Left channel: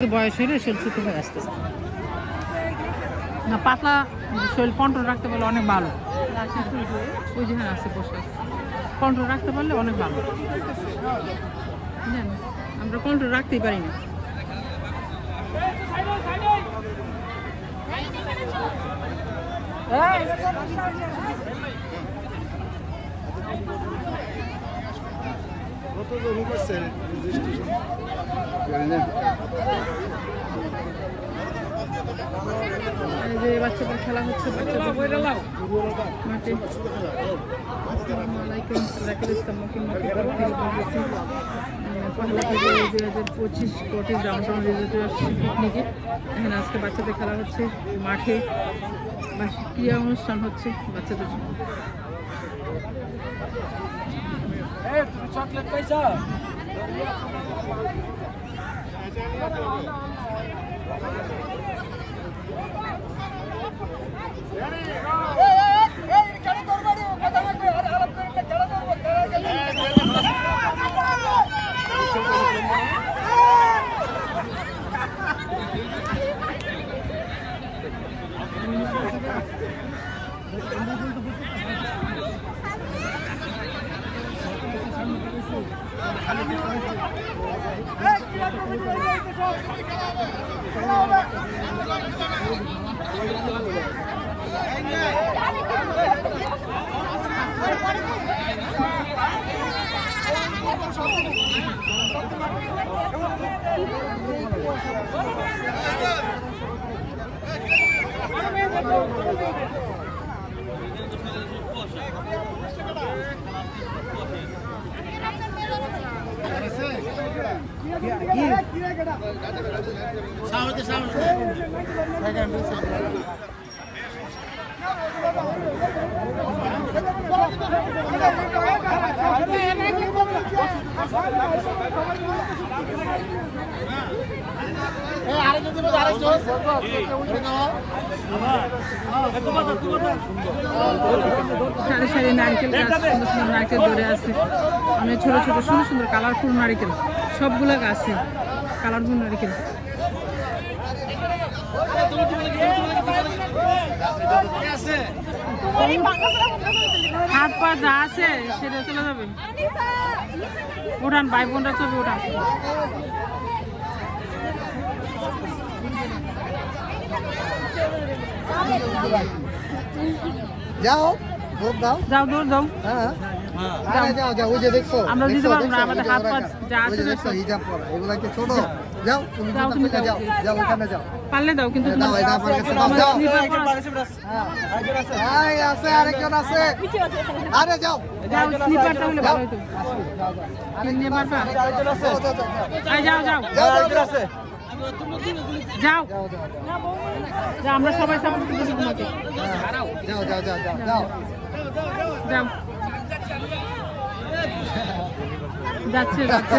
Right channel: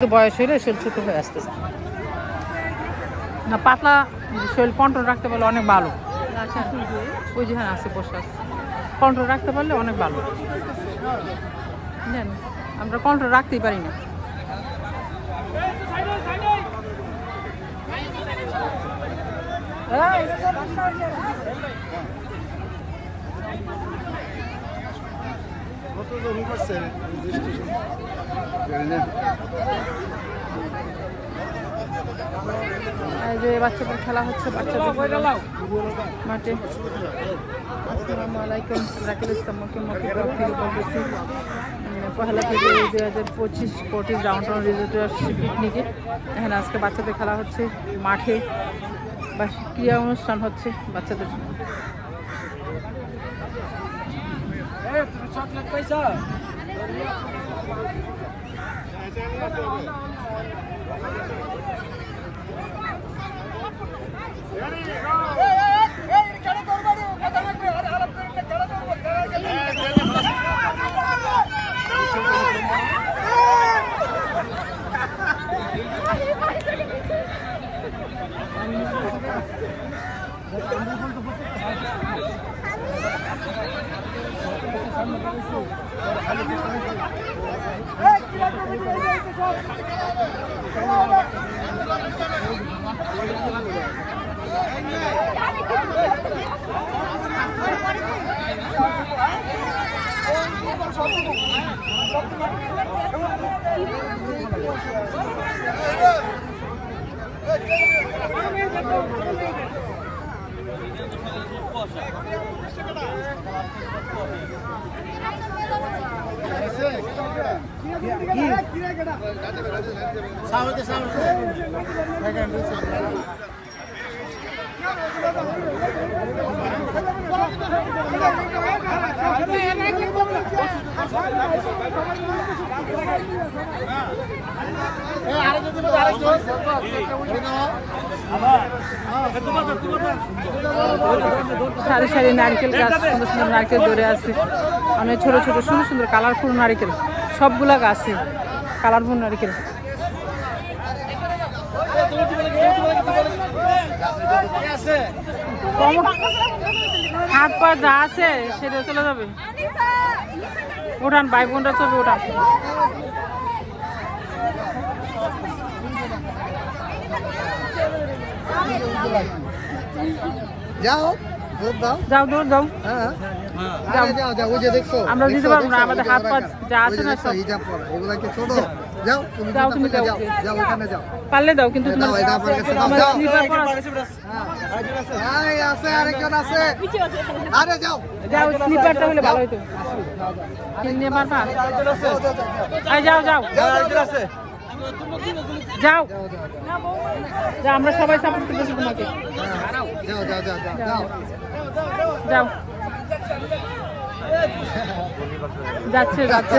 বয়স হলে শরীর ছোট হয়ে আসতেছে না, পাতলা শরীর কন্ট্রোল রাখতে পারলে অনেক ভালো। আচ্ছা ওই যেখানে আছে বসে আছে, কন্ট্রোল রাখতে পারলে অনেক ভালো। জান আমরা কন্ট্রোল রাখতেই পারি না। এই যে বাচ্চাদের খেলা হচ্ছে, বাচ্চাদের মাঠে। আসসালামু আলাইকুম, রাকিব ইসলাম থেকে বলতেছি। পহেলা ফেব্রুয়ারি 2025 কোটিস ডাউনটাউন রিসোর্টে আসছি পিকনিকে। এখানে আজকে বাচ্চাদের খেলা হচ্ছে মাঠে, বা ক্রীড়া অনুষ্ঠান হচ্ছে বাচ্চাদের। সারি সারি নারকেল গাছ, সুন্দর সুন্দর নারকেল ধরে আছে, অনেক ছোট ছোট সুন্দর সুন্দর কালারফুল নারকেল, সবগুলা গাছে কালারফুল নারকেল। হাত পা যা আছে সেটা চলে যাবে। ওঠান ভাই বোনরা, ছবি ওঠান। যাও দৌড় দাও, আমরা দিতে পারবো না, আমাদের হাত পা যা আছে না সব। যাও তুমি যাও, পারলে দাও, কিন্তু তোমার স্লিপার পরা যাও, স্লিপারটা হলে ভালো হইতো। নিয়ে পারবা? যাও যাও যাও যাও, আমরা সবাই সাপোর্ট করতেছি তোমাকে। যাও যাচ্ছে যাচ্ছে।